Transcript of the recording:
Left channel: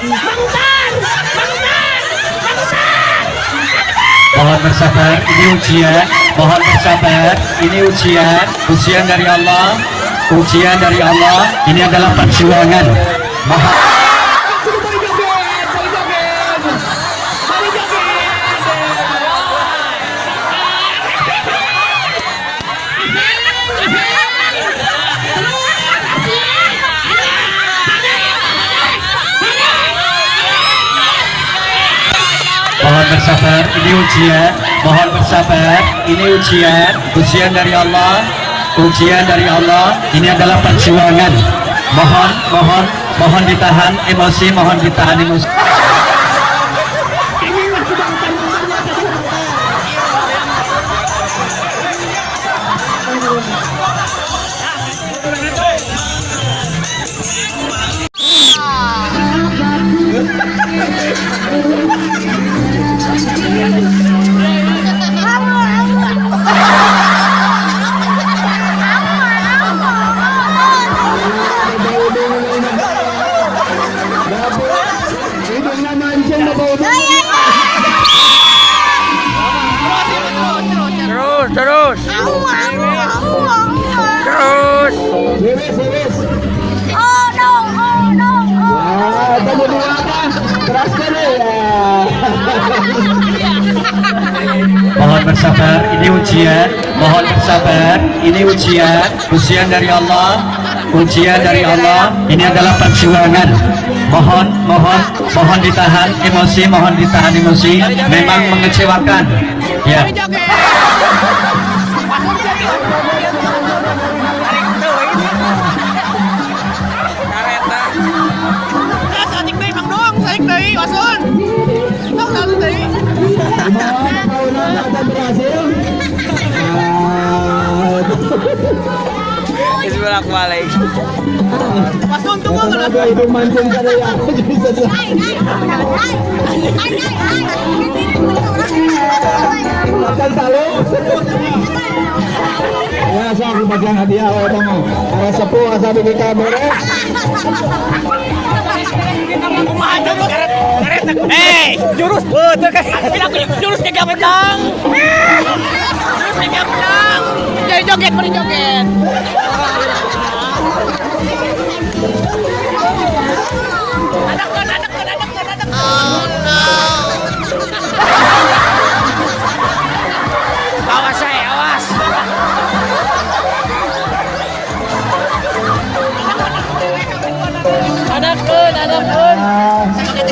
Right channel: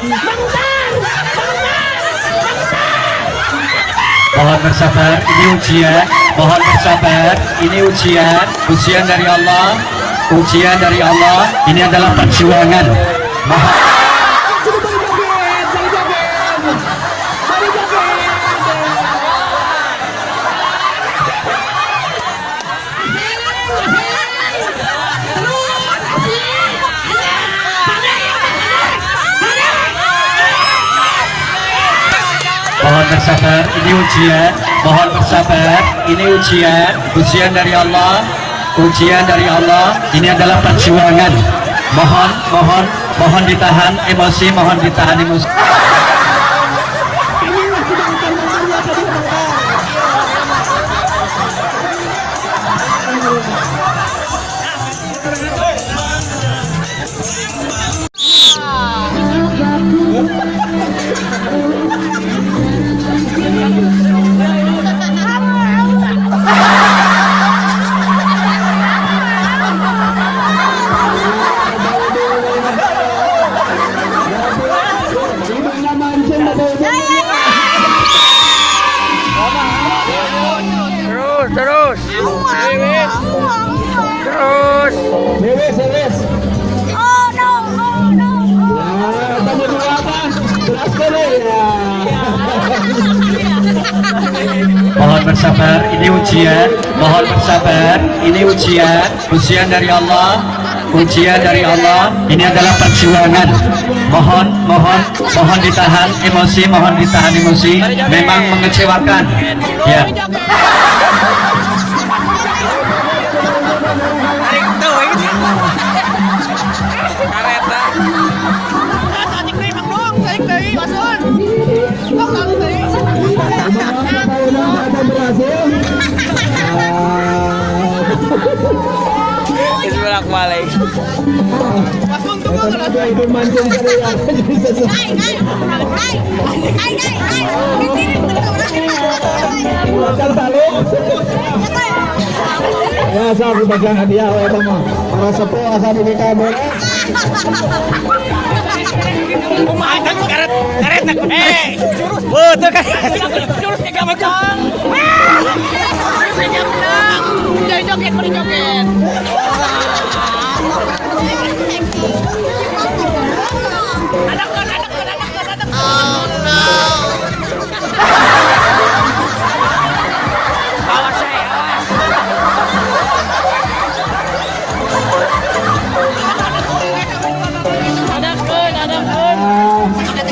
Mohon bersabar, ini ujian. Mohon bersabar, ini ujian. Ujian dari Allah. Ujian dari Allah. Ini adalah perjuangan. Mohon. Mohon bersabar, ini ujian. Mohon bersabar, ini ujian. Ujian dari Allah. Ujian dari Allah. Ini adalah perjuangan. Mohon ditahan emosi. Mohon ditahan emosi. Terus. Mohon bersabar, ini ujian. Mohon bersabar, ini ujian. Ujian dari Allah. Ujian dari Allah. Ini adalah perjuangan. Mohon ditahan emosi. Mohon ditahan emosi. Memang mengecewakan. Ya. Bolak balik. Ya, saya berbagian hadiah oleh teman. Para sepuh asal di beres. Jurus. Betul kan? Jurus kayak menang. Jangan joget, mending joget. Oh no. Awas saya, awas. Ada pun. Ada